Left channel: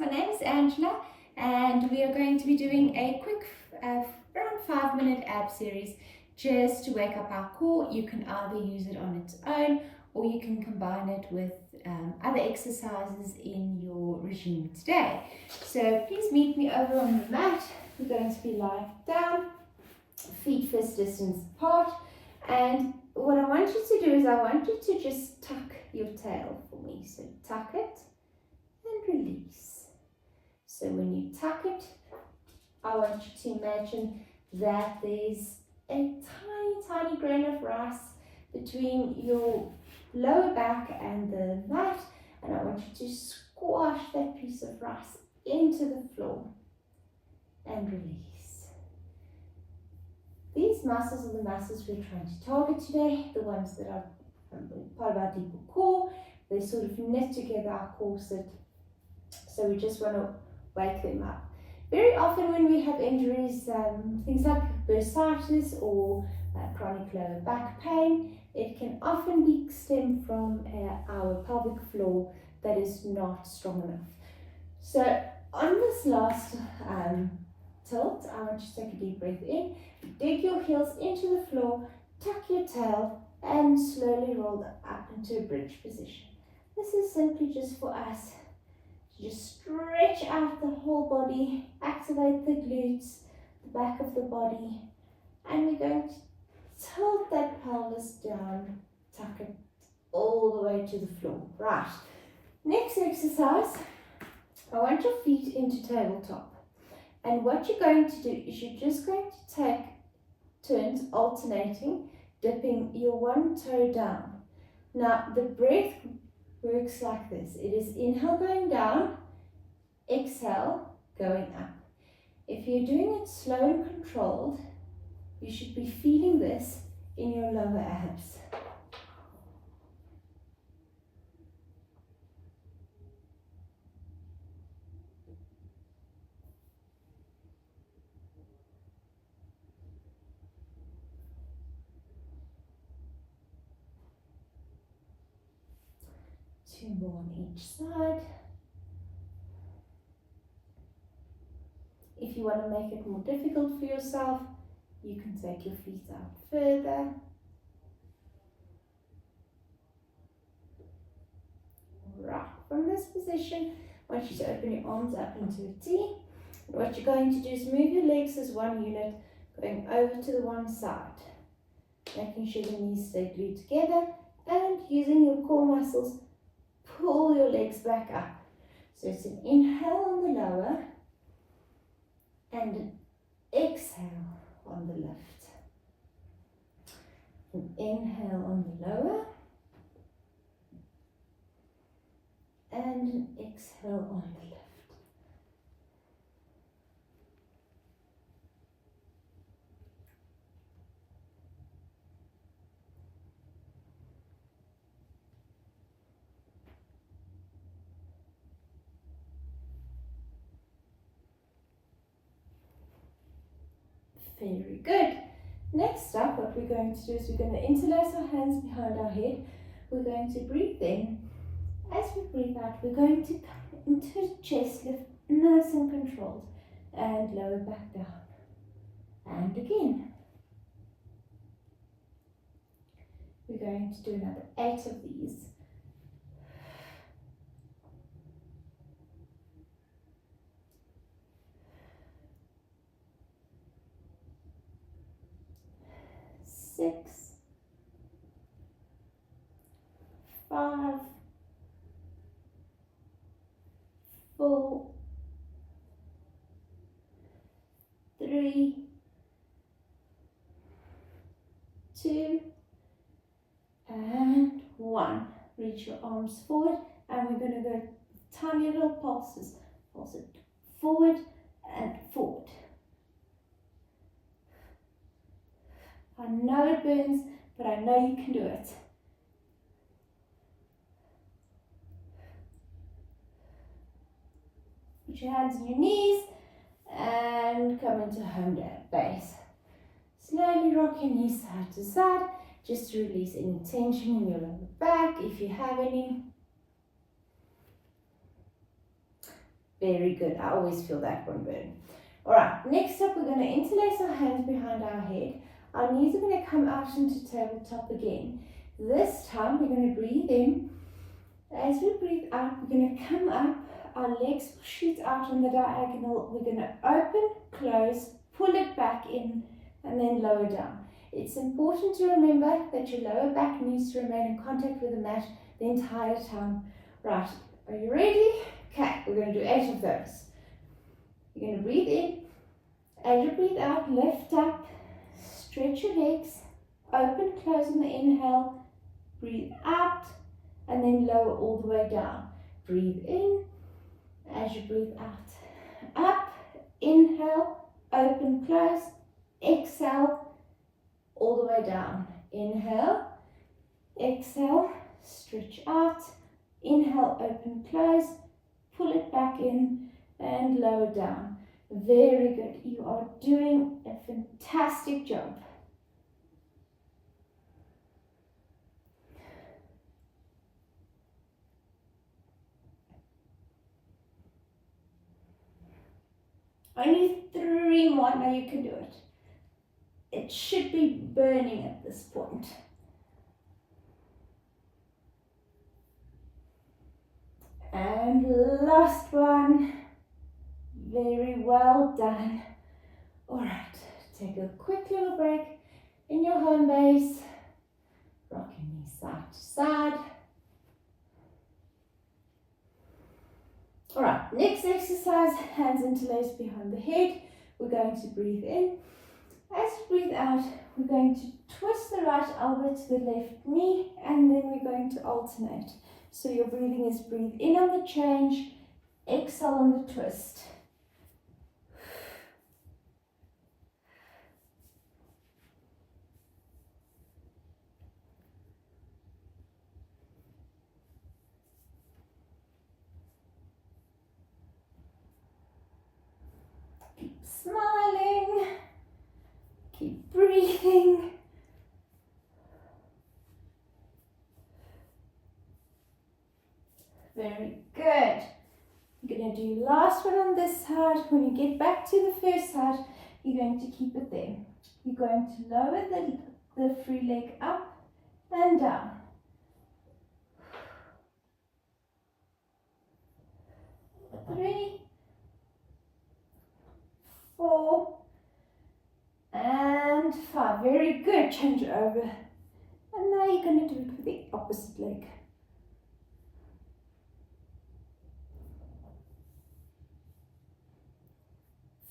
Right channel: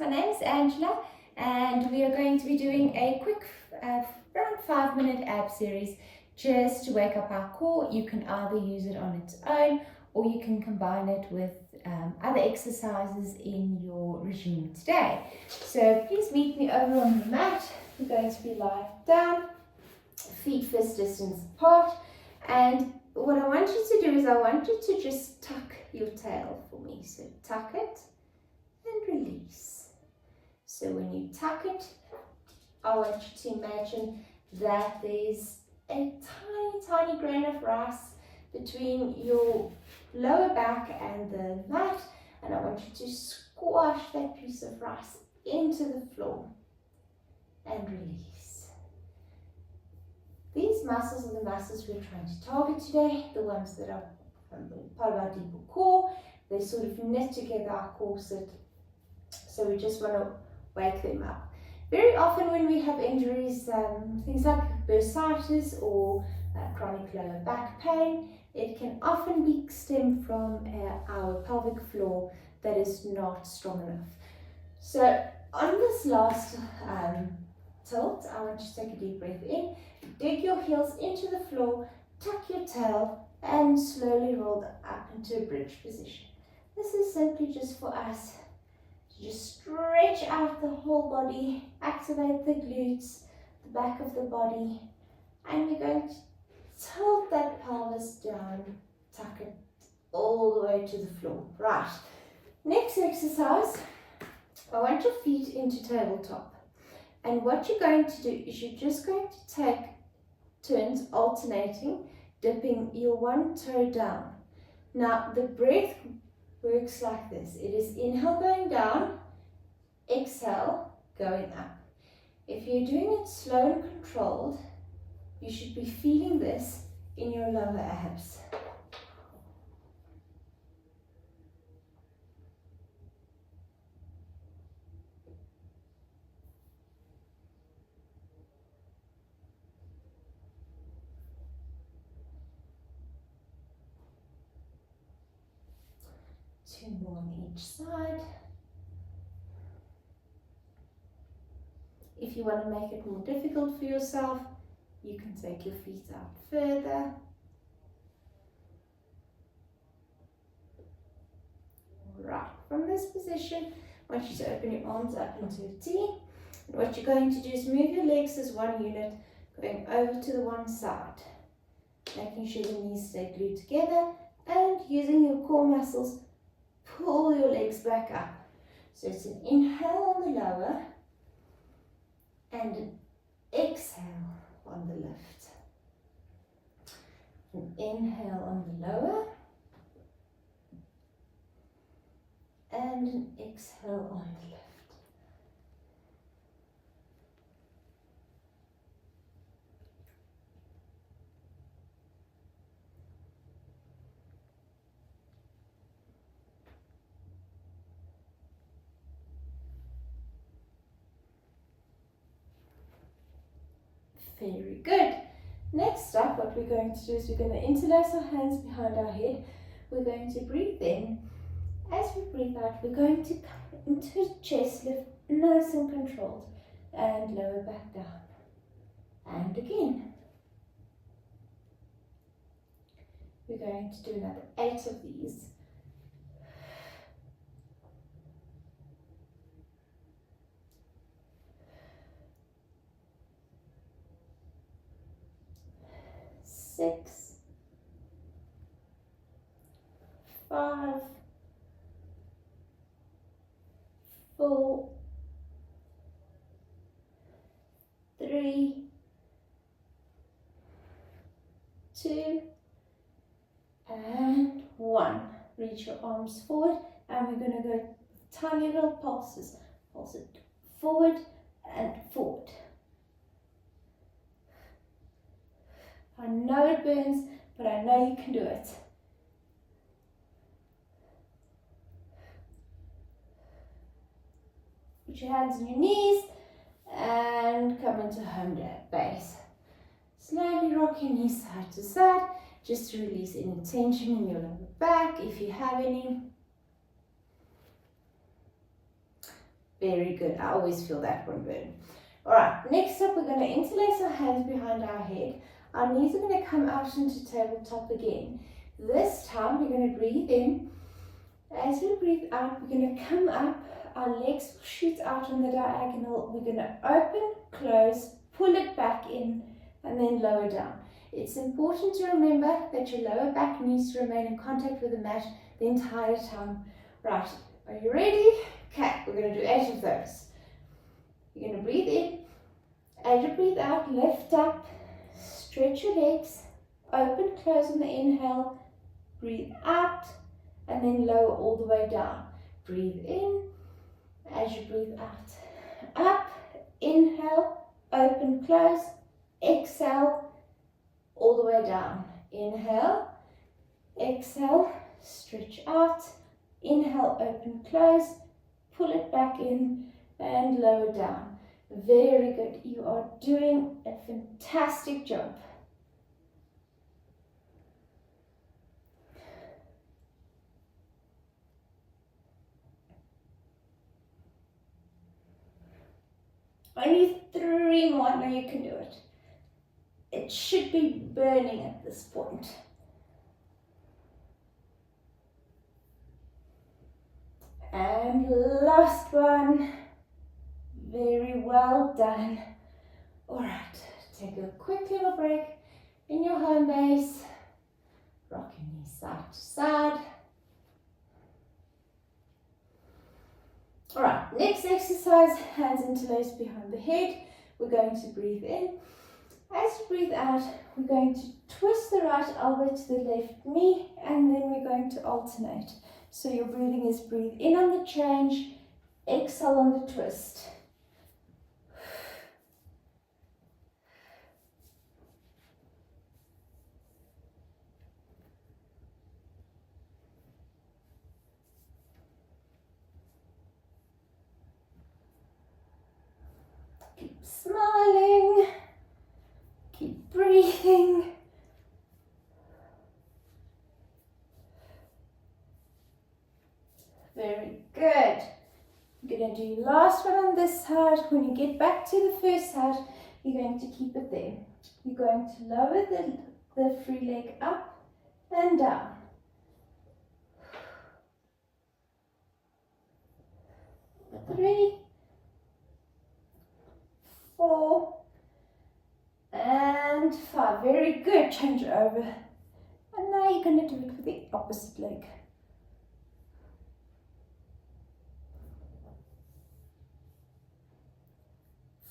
My name is Angela and we are going to be doing a quick around 5-minute ab series just to wake up our core. You can either use it on its own or you can combine it with other exercises in your regime today. So please meet me over on the mat. We're going to be lying down, feet fist distance apart, and what I want you to do is I want you to just tuck your tail for me. So tuck it and release. So when you tuck it, I want you to imagine that there's a tiny grain of rice between your lower back and the mat, and I want you to squash that piece of rice into the floor and release. These muscles are the muscles we're trying to target today, the ones that are part of our deeper core. They sort of knit together our corset, so we just want to wake them up. Very often when we have injuries, things like bursitis or chronic lower back pain, it can often be stemmed from our pelvic floor that is not strong enough. So on this last tilt, I want you to take a deep breath in, dig your heels into the floor, tuck your tail, and slowly roll up into a bridge position. This is simply just for us to just stretch out the whole body, activate the glutes, the back of the body, and we're going to tilt that pelvis down, tuck it all the way to the floor. Right, next exercise, I want your feet into tabletop. And what you're going to do is you're just going to take turns alternating, dipping your one toe down. Now the breath works like this. It is inhale going down, exhale going up. If you're doing it slow and controlled, you should be feeling this in your lower abs. Two more on each side. If you want to make it more difficult for yourself, you can take your feet out further. Right, from this position, I want you to open your arms up into a T. And what you're going to do is move your legs as one unit, going over to the one side, making sure the knees stay glued together, and using your core muscles, pull your legs back up. So it's an inhale on the lower and an exhale on the lift. An inhale on the lower and an exhale on the lift. Very good. Next up, what we're going to do is we're going to interlace our hands behind our head. We're going to breathe in. As we breathe out, we're going to come into a chest lift, nice and controlled, and lower back down. And again. We're going to do another 8 of these. Six, 5, 4, 3, 2, and 1. Reach your arms forward, and we're going to go tiny little pulses. Pulse it forward and forward. I know it burns, but I know you can do it. Put your hands on your knees and come into home base. Slowly rock your knees side to side, just to release any tension in your lower back if you have any. Very good. I always feel that one burn. All right, next up, we're going to interlace our hands behind our head. Our knees are going to come out into tabletop again. This time, we're going to breathe in. As we breathe out, we're going to come up. Our legs will shoot out on the diagonal. We're going to open, close, pull it back in, and then lower down. It's important to remember that your lower back needs to remain in contact with the mat the entire time. Right, are you ready? Okay, we're going to do 8 of those. You're going to breathe in. As you breathe out, lift up, stretch your legs, open, close on the inhale, breathe out, and then lower all the way down. Breathe in. As you breathe out, up, inhale, open, close, exhale, all the way down. Inhale, exhale, stretch out, inhale, open, close, pull it back in, and lower down. Very good. You are doing a fantastic job. Only 3 more. Now you can do it. It should be burning at this point. And last one. Very well done. All right, take a quick little break in your home base. Rock your knees side to side. All right, next exercise, hands interlaced behind the head. We're going to breathe in. As you breathe out, we're going to twist the right elbow to the left knee, and then we're going to alternate. So your breathing is breathe in on the change, exhale on the twist. Keep smiling. Keep breathing. Very good. You're going to do last one on this side. When you get back to the first side, you're going to keep it there. You're going to lower the free leg up and down. 3, 4, and 5. Very good. Change it over. And now you're going to do it with the opposite leg.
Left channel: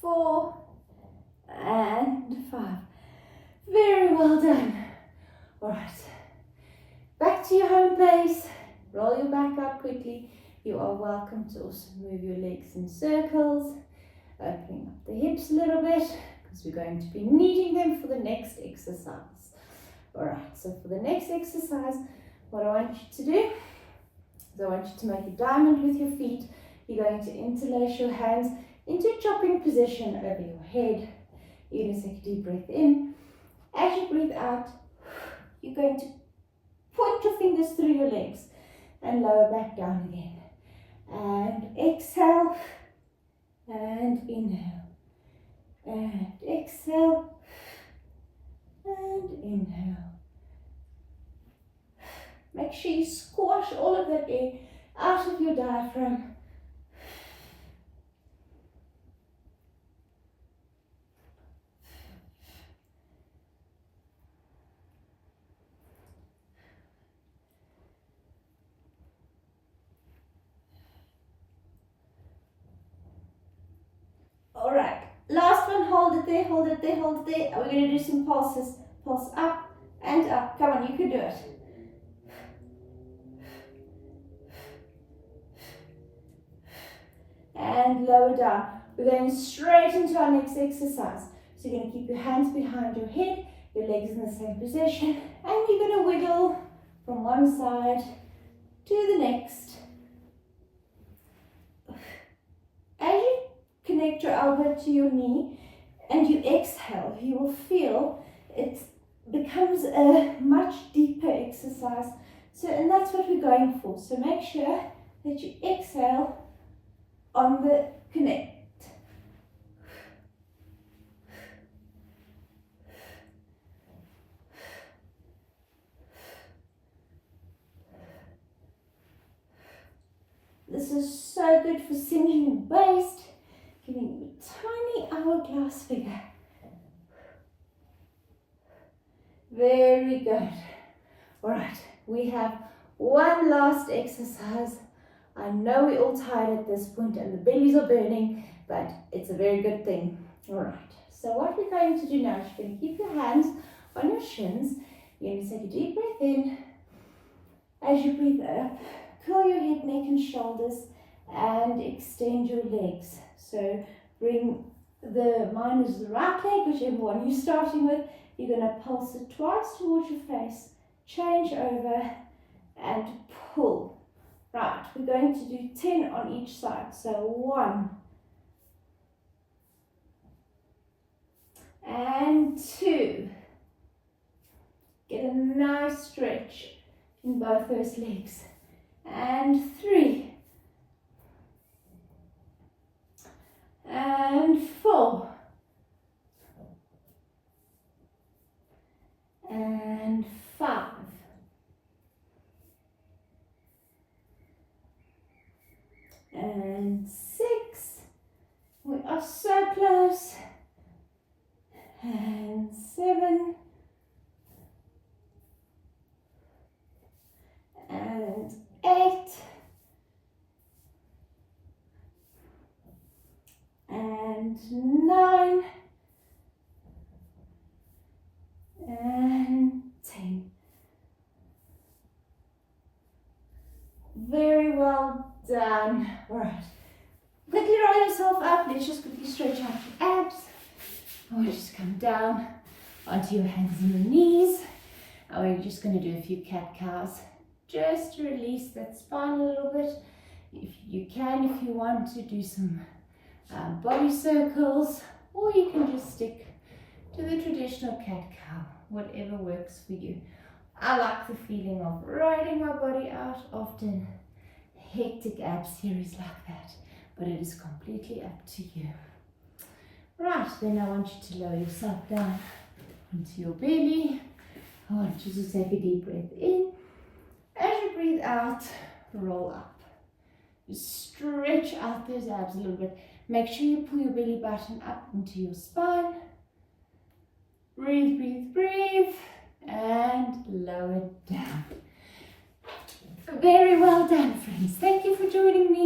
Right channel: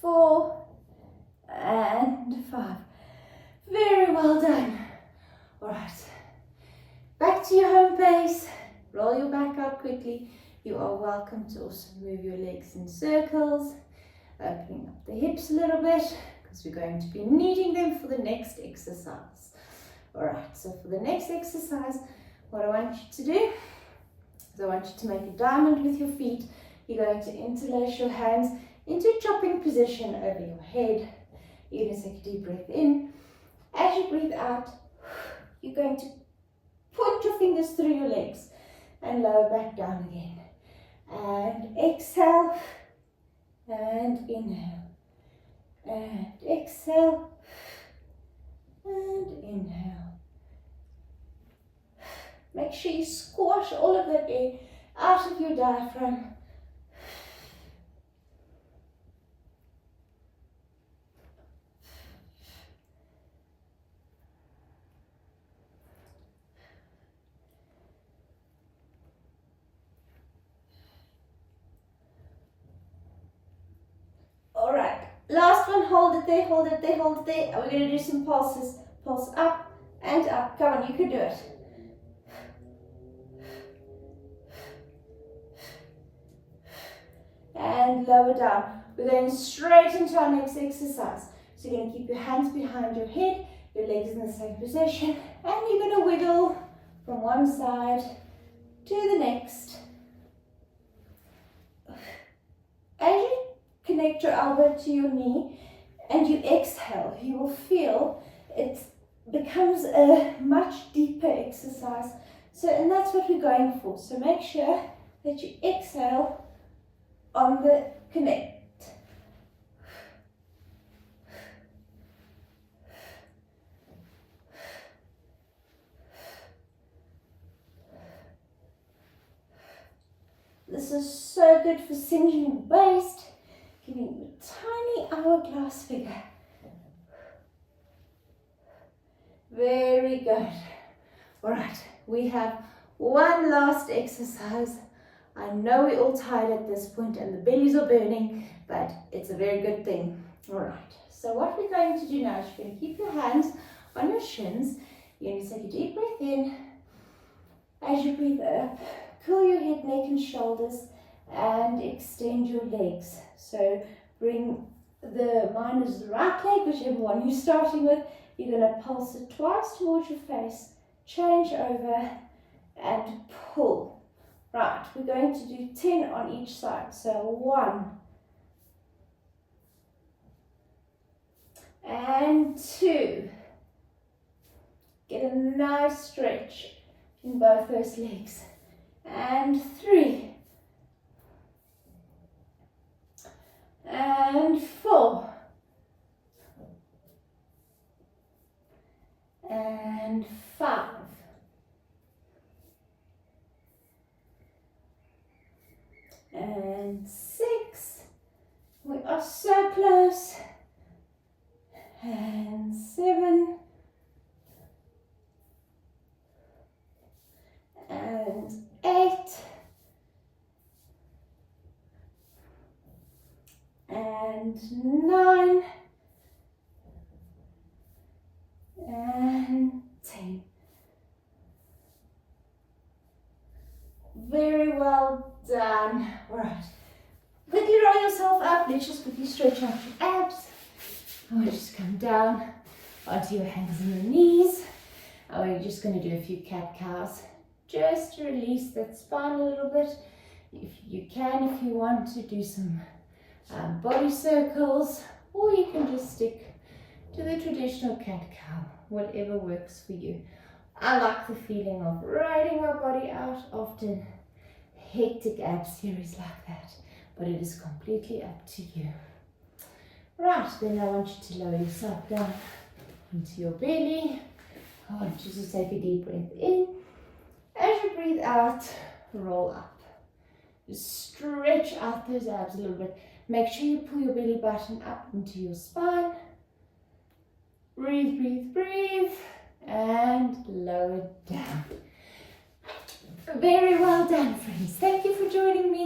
4 and 5. Very well done. All right. Back to your home base. Roll your back out quickly. You are welcome to also move your legs in circles, opening up the hips a little bit, because we're going to be needing them for the next exercise. All right, so for the next exercise, what I want you to do is I want you to make a diamond with your feet. You're going to interlace your hands into a chopping position over your head. You're going to take a deep breath in. As you breathe out, you're going to point your fingers through your legs and lower back down again. And exhale, and inhale, and exhale, and inhale. Make sure you squash all of that air out of your diaphragm. Alright, last one, hold it there, hold it there, hold it there. We're going to do some pulses. Pulse up and up. Come on, you can do it. And lower down. We're going straight into our next exercise. So you're going to keep your hands behind your head, your legs in the same position, and you're going to wiggle from one side to the next. As you connect your elbow to your knee and you exhale, you will feel it becomes a much deeper exercise. So, and that's what we're going for. So make sure that you exhale on the connect. This is so good for cinching your waist, giving you a tiny hourglass figure. Very good. All right, we have one last exercise. I know we're all tired at this point and the bellies are burning, but it's a very good thing. All right, so what we're going to do now is you're going to keep your hands on your shins. You're going to take a deep breath in. As you breathe up, curl your head, neck and shoulders and extend your legs. So bring mine is the right leg, whichever one you're starting with. You're going to pulse it twice towards your face, change over and pull. Right, we're going to do 10 on each side. So 1 and 2. Get a nice stretch in both those legs. And 3 and 4 and 5 and 6. We are so close. And 7 and 8 and 9 and 10. Very well done. All right. Quickly roll yourself up. Let's just quickly stretch out your abs. Or just come down onto your hands and your knees. And we're just going to do a few cat-cows just to release that spine a little bit. If you want to do some body circles, or you can just stick to the traditional cat-cow, whatever works for you. I like the feeling of riding my body out after hectic ab series like that, but it is completely up to you. Right, then I want you to lower yourself down into your belly. I want you to take a deep breath in. As you breathe out, roll up. Just stretch out those abs a little bit. Make sure you pull your belly button up into your spine. Breathe, breathe, breathe. And lower down. Very well done, friends. Thank you for joining me.